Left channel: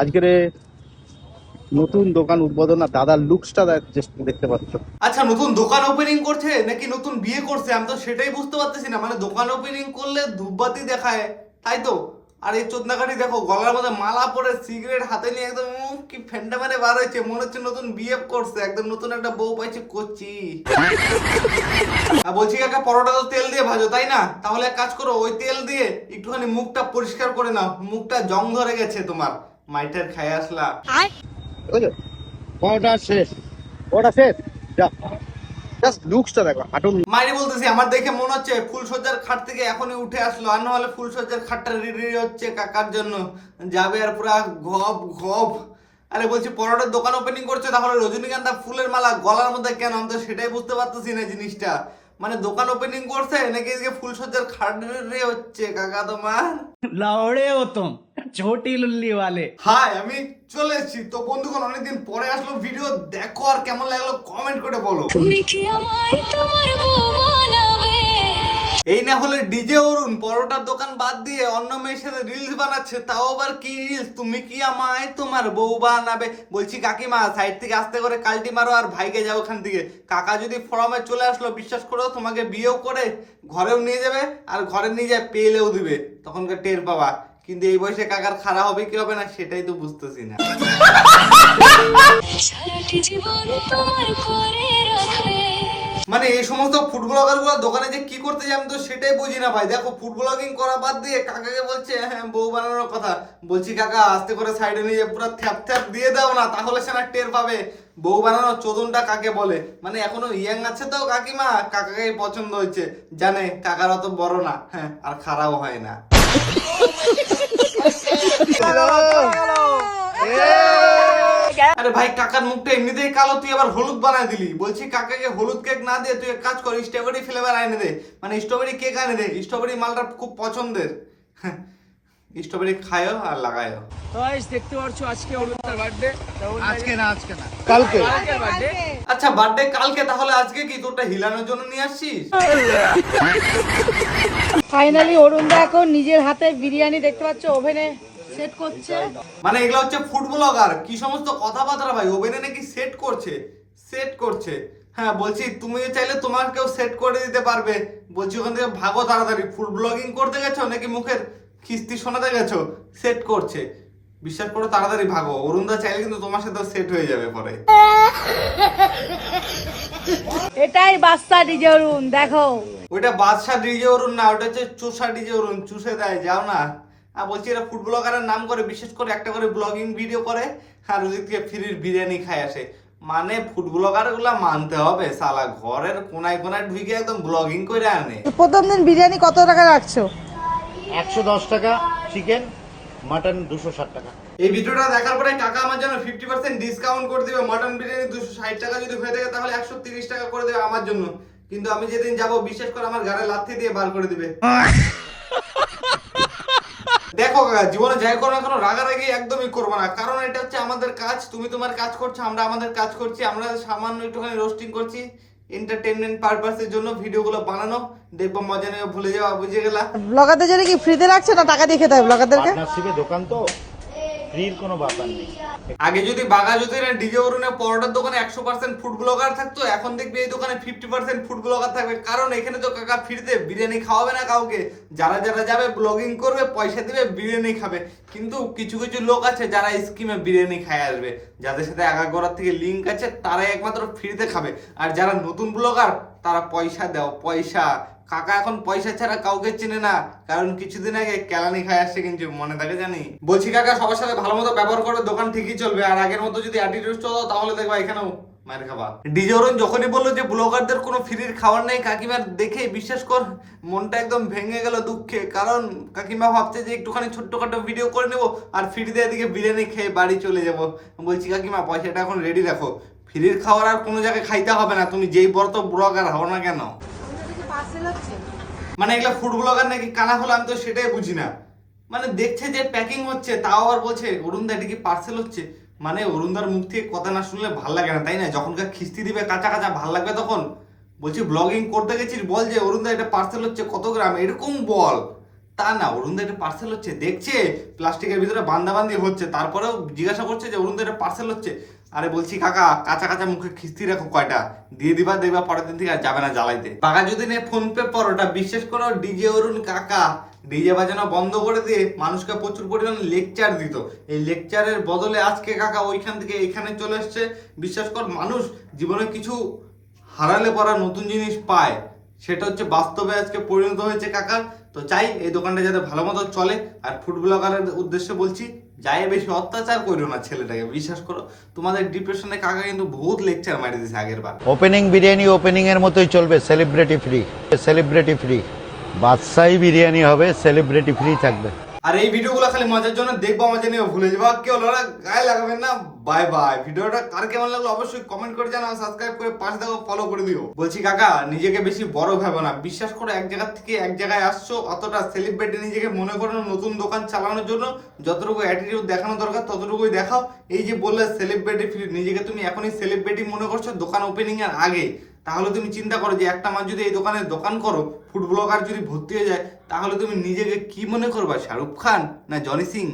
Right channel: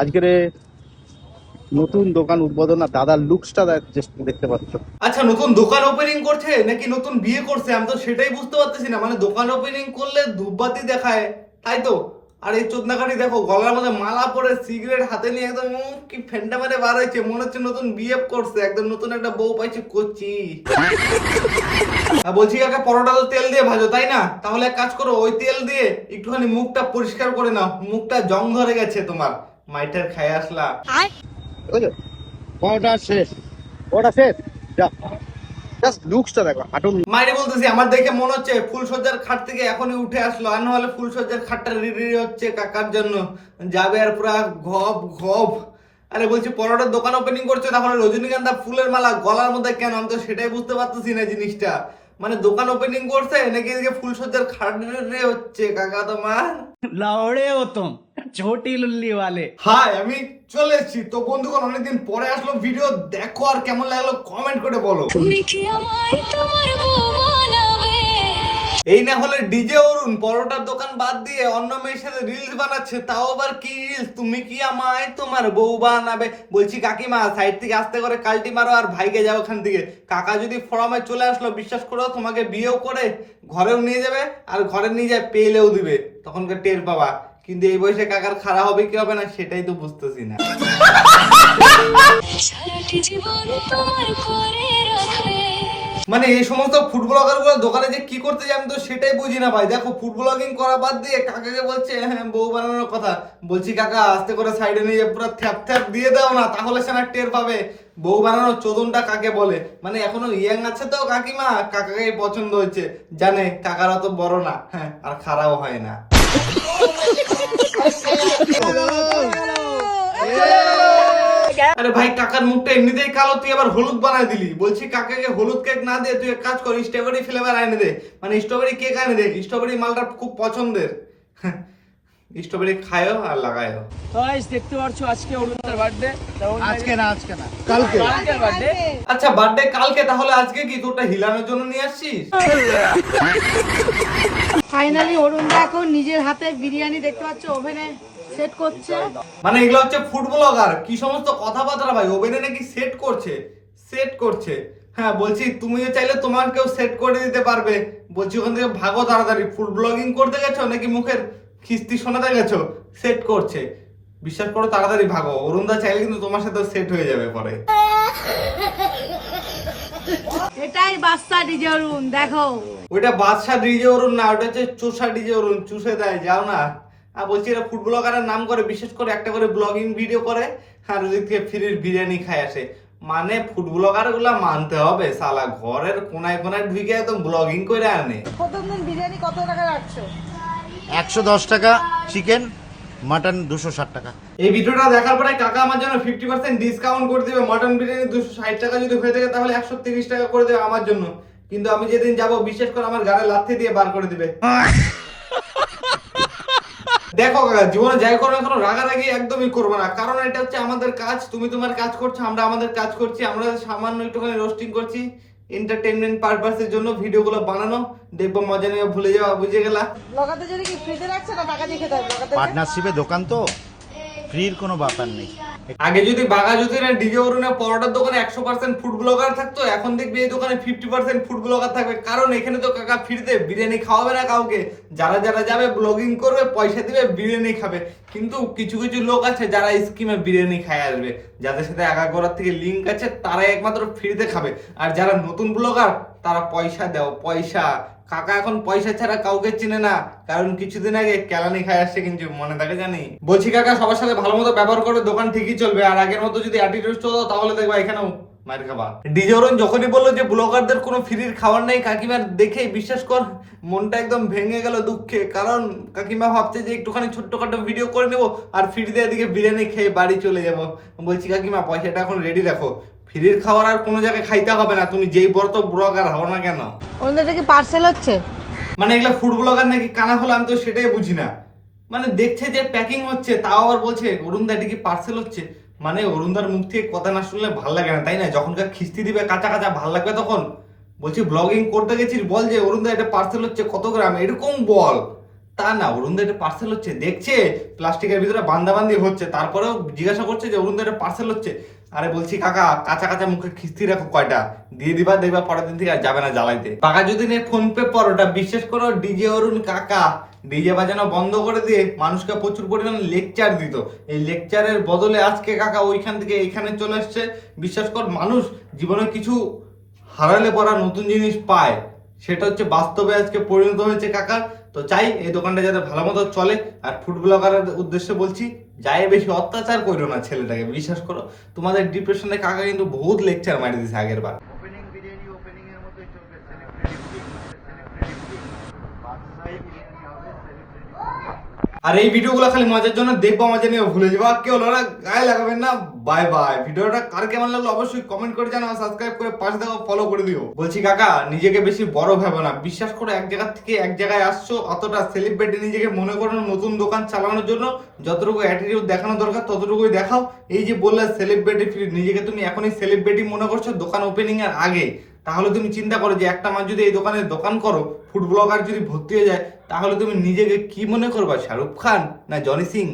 আজকের নতুন দোকান উদ্বোধন আর দাদার লুকসটা দেখতে পাচ্ছ। আচ্ছা, নতুন দোকান ওপেনিং করছে নাকি নতুন বিয়ে করছে আমি তো সেটাই বুঝতে পারতেছি না। মানে দোকান ওপেনিং করলে ধূপবাতি দেখায়, তাই তো? আর এই চোদনাকারী দেখো, গলার মধ্যে মালা পরে সিগারেট হাতে নিয়ে একদম কি ফেন্ডা মেরে বার হয়েছে, মনে হচ্ছে নতুন বিয়ে করছে, একদম নতুন একটা বউ পাইছে করছি। বলছি কাকা, পরোটা তো তেল দিয়ে ভাজো তাই না? তাহলে এক কাজ করো, ওই তেল দিয়ে একটুখানি মুখটা পরিষ্কার করে নাও, মুখটা জং ধরে গেছে তোমার, মাইটের খাই আসলা। বুঝলো? পরোটা শেষ, পরোটা শেষ। যা, জাস্ট লুকসটা দেখো, হাঁটুন। মাইরি বলতেছি, আমার দেখে মনে হচ্ছে ফুলসজ্জার খাট থেকে এখনই উঠে আসলো, আর না হলে ফুলসজ্জার খাটটা রেডি হচ্ছে কাকার জন্য, যাবে আর পুরা ঘপ ঘপ। আরে বলছি, পরোটার দোকান ওপেনিং করছে, তাহলে রজনীগন্ধা ফুলের মালা গলার মধ্যে কেন? আমি তো সেটাই বুঝতে পারতেছি না জিনিসটা। মানে দোকান ওপেনিং করছে নাকি এদিকে ফুলসজ্জার খাট রেডি হচ্ছে কাকা তোমার? लौड़े हो तुम छोटी लुल्ली वाले। হাই, আমি চলে এসেছি তো বন্ধুগণ, অনেকদিন পরে আসলো ভিডিও, দেখো আর কেমন লাগলো কমেন্ট করে বলো। তুমি কি আমায় তোমার বউ বানাবে? এই না হলে ডিজে অরুণ পরোটার দোকান বাদ দিয়ে অন্য মেয়ের সাথে রিলস বানাচ্ছে, তাও আবার কি রিলস, তুমি কি আমায় তোমার বউ বানাবে। বলছি কাকিমা, সাইড থেকে আস্তে করে কালটি মারো আর ভাইকে যাও ওখান থেকে। কাকা যদি ফোরামে চলে আসলো, বিশ্বাস করো তোমাকে বিয়েও করে ঘরেও নিয়ে যাবে, আর ঘরে নিয়ে যায় পেলেও দিবে, তখনকার টের পাবা। কিন্তু এই বয়সে কাকার খারাপ হবে কি হবে না সেটাই তো বুঝতেছি না। সারাটি জীবন তোমার করে রাখবে। মানে এই সমস্ত ফুড ব্লগার গুলো দোকানে যে কি করতে যায় আমি তো সেটাই বুঝি না ভাই। দেখো, ফুড ব্লগিং করা বাদ দিয়ে কাকাকে বলছে হ্যাঁ বউ বানানোর কথা। বলছি কাকা, আস্তে করে সাইডে নিয়ে পুরো থ্যাপ থ্যাপ দিয়ে দাও না, তাহলে সে না টের পাবে বউ বানানোর চোদনটা কাকে বলে। মানে এখনো ইয়াং আছে তো কাকিমা, কাকাকে পছন্দ হয়েছে, জানে কাকার অত বড় না, হ্যাঁ আর খারাপও হয় না। আরে ভাই, কাকার মুখটা এমনিতেই কালো, তুই আবার হলুদ বানায় দিলি। বলছি কাকাকে হলুদ কেক না দিয়ে তুই এক কাজ কর, স্ট্রবেরি ফ্লেভার এনে দে, মানে স্ট্রবেরি কেক এনে দে। স্ট্রবেরি মালটা খুব পছন্দের, স্ট্রবেরি খায়ও আর লাগায়ও। তো গাইস দেখতে পাচ্ছ আজকে অরুণদার বার্থডে। আজকে না কালকে কালকের বার্থডে। আচ্ছা, বার্থডে কালকে, তাহলে আজকে কি তোরটা হিলানোর জন্য নিয়ে আসছিস? ফাইনালি অরুণদা এখন নিজের হাতে বিরিয়ানি দেখতে পাচ্ছ ওভেনে সেট করছে। মানে এগুলো হচ্ছে ফুড ব্লগার, কি সমস্ত কথাবার্তা ভাই, ওভেনে নাকি সেট করছে, সেট করছে। হ্যাঁ বলছি, তুমি চাইলে তোমার কেউ সেট করে দিতে পারবে। বলছি ওখান থেকে ভাগো তাড়াতাড়ি, ফুড ব্লগিং করতে গেছো নাকি মুখের খিস্তি শোনাতে গেছো? সেট করছে, বিশ্বাস করো তাড়াতাড়ি ভাগো। অরুণদা চাইলে কিন্তু তোমার সাথে সেট হয়ে যাবে পরে। এটাই বাচ্চা ডিজে অরুণ, দেখো ওইটা বাদশা ডিজে অরুণ না, ওটা হচ্ছে চোষা ডিজে অরুণ, চুষে দেয়, যাও না। আর বলছি, এরা ফুড ব্লগারের নাম করে, বিশেষ করে একটা করে ব্লগিং ভিডিও করে, আর ওদিক থেকে ফ্রির বিরিয়ানি খায় আসে। মানে ফুড ব্লগার গুলা মানতে হবে, সালা ঘরের কোনায় কোনায় ঢুকে একদম ব্লগিং করে আনে। প্রথম দিন বিরিয়ানি কত টাকা রাখছো? 110 টাকা চিকেন, মাটন 260 টাকা। এই ভিডিওটা দেখার পরে কাকা আমার জন্য 50% ডিসকাউন্ট করে দিবে। মটন বিরিয়ানি 260 টাকা যদি হয়ে থাকে তাহলে 130 টাকা করে দেবে আমার জন্য। কিন্তু আমি যেদিন যাব, বিশেষ করে আমার গাড়ি লাথি দিয়ে বার করে দিবে। দেখো কাকা, জীবনে যাই করো না, কোনো রাগারাগি একদমই করবো না, কারণ এটা হচ্ছে আমাদের কাজ। তুমি তোমার কাজ করছো, আমরা আমাদের কাজ করছি, আমরা সামান্য একটুখানি রোস্টিং করছি এন্টারটেইনমেন্ট পারপাসের জন্য, ভিডিওগুলো বানানো, দেখবো মজা নেবে, ভুলে যাওয়া, বুঝে গেলা। ব্লগারদের জন্য কি ফ্রিতে রাখছে না টাকা দিয়ে খেতে হবে ব্লগারদেরকে? পার্টনারশিপে দোকান তো, ফ্রির কোনো ব্যাপার নেই। আগে যদি বাঘাযতীনের ডিজে অরুণের পরোটার দোকানে 100% ফুড ব্লগার থাকতো, এখন দেখবি এই দোকানে 50% ফুড ব্লগার থাকবে। কারণ এখানে তো কাকা ফ্রিতে বিরিয়ানি খাওয়াবে না কাউকে, যারা যারা যাবে ব্লগিং করবে, পয়সা দিবে, বিরিয়ানি খাবে। কিন্তু কিছু কিছু লোক আছে যারা স্কিমে বিরিয়ানি খায় আসবে, যাদের সাথে আগাগোড়ার থেকে লিঙ্ক আছে, তারাই একমাত্র ফ্রিতে খাবে। আর যারা নতুন ব্লগার, তারা পয়সা দাও, পয়সা। কাকা এখন পয়সা ছাড়া কাউকে চেনে না, কারণ কিছুদিন আগে কেলানি খাই আসছে, কিন্তু মনে থাকে জানি। বলছি কাকা, সবার সাথে ভালো মতো ব্যবহার করবে, দোকান ঠিকই চলবে। আর আগের মতো যদি অ্যাটিটিউড চলো তাহলে দেখবা এখানেও মার খাবা। ডিজে অরুণ যখনই বললো যে ব্লগারদের কোনো ফ্রির খাবার নেই, কাকিমার দেখে বিশ্বাস কর মনটা একদম ভেঙে গেল দুঃখে। কারণ কাকিমা ভাবছে যে একটুখানি ছোট্টখাটো ভিডিও করে নেবো আর ফ্রিতে এদিকে বিরিয়ানি খেয়ে বাড়ি চলে যাবো। বলছি কাকিমা, পয়সাটা এখন রেডি রাখো, ফ্রির খাবার আর কোনো জায়গায় খাইতে হবে না, তুমি যেই বড় তো ব্লগার হও না কেন। অরুণদাটা কি পার্সেল হচ্ছে? মানে এগুলা ফুড ব্লগার নাকি কানা হলো, আমি তো সেটাই বুঝি না। মানে দেখছে যে প্যাকিং হচ্ছে, তাও আবার বলছে অরুণদা এটা কি পার্সেল হচ্ছে। মানে অরুণদার মুখ থেকে কথা না শুনলে ভাল লাগে না, তাই না? যখনকার খিস্তি দিবে কাঁচা কাঁচা ভাল লাগবে তখন। বলছি ব্লগিং করতে গেছিস, বল যে অরুণদা এটা পার্সেল হচ্ছে, কত গ্রাম, এরকম বল। তা না, অরুণদা এটা পার্সেল হচ্ছে, দেখছে প্লাস্টিকের ভিতরে বান্দাবান্দি হচ্ছে, তারপরেও জিজ্ঞাসা করছে যে অরুণদা এটা পার্সেল হচ্ছে। আরে বলছি কাকা, কাঁচা কাঁচা মুখে খিস্তি রাখো কয়টা, দিয়ে দিবা, দেখবা পরের দিন থেকে আর যাবে না জ্বালাইতে। কাকা যদি নেই ফোন পে পরোটা, বিশ্বাস করো ডিজে অরুণ কাকা ডিজে বাজানো বন্ধ করে দিয়ে মানুষকে প্রচুর পরিমাণে লেকচার দিত। এই লেকচারের বদলে আজকে কাকা ওইখান থেকে এখানে চলে আসছে। বিশ্বাস কর, মানুষ জীবনে কিছু হারালে পরা নতুন জিনিস পায়, সেটা হচ্ছে বাস্তবে আজকে পরিণত হয়েছে কাকা। তো চাই এই দোকানটা যাতে ভালো মতো চলে। আর ফুড ব্লগারের উদ্দেশ্যে বলছি, যাই বেশি অত্যাচার করো না ছেলেটাকে। বিশ্বাস করো, তোমাদের ডিপ্রেশনে কাকা কিন্তু বহুত লেকচার মারি দিয়েছে আগের বার। ওপেনিং বিরিয়ানি ওপেনিং এর মতোই চলবে, সেলিব্রিটি ফ্রি, সেলিব্রিটি ফ্রি। বাদশাহী বিরিয়ানি হবে, সেলিব্রিটি ফ্রি থাকবে। আর এই ভিডিওগুলো খালি মজার জন্য দেখবো, মজা নিয়ে ভুলে যাবো। কেউ ওরা গায়ে লাগাবেন না। Bye bye. ভিডিওটা কার কেমন লাগলো অবশ্যই কমেন্ট করে জানাও, সাবস্ক্রাইব করে পাশে দেখো, ফলো করে দিও। বলছি কাকা, নিজেকে বেশি বড় ভেবো না। বিশ্বাস করো, এক জায়গা থেকে এক জায়গায় আসছো, অতটা সেলিব্রিটি নিজেকে মনে করো নতুন দোকান চালানোর জন্য। যতটুকু অ্যাটিটিউড দেখানো দরকার ততটুকুই দেখাও। এই যে বললে সেলিব্রিটি ফ্রি, নিজেকে তুমি এখনই সেলিব্রিটি মনে করছো দোকান ওপেনিং এর আগে। তাহলে তুমি চিন্তা করো যে একটা মাস যদি এই দোকানে দোকান করো, ফুড ব্লগার যদি ভর্তি হয়ে যায়, তাহলে তুমি নিজেকে কি মনে করবা, শাহরুখ খান না জনি সিং?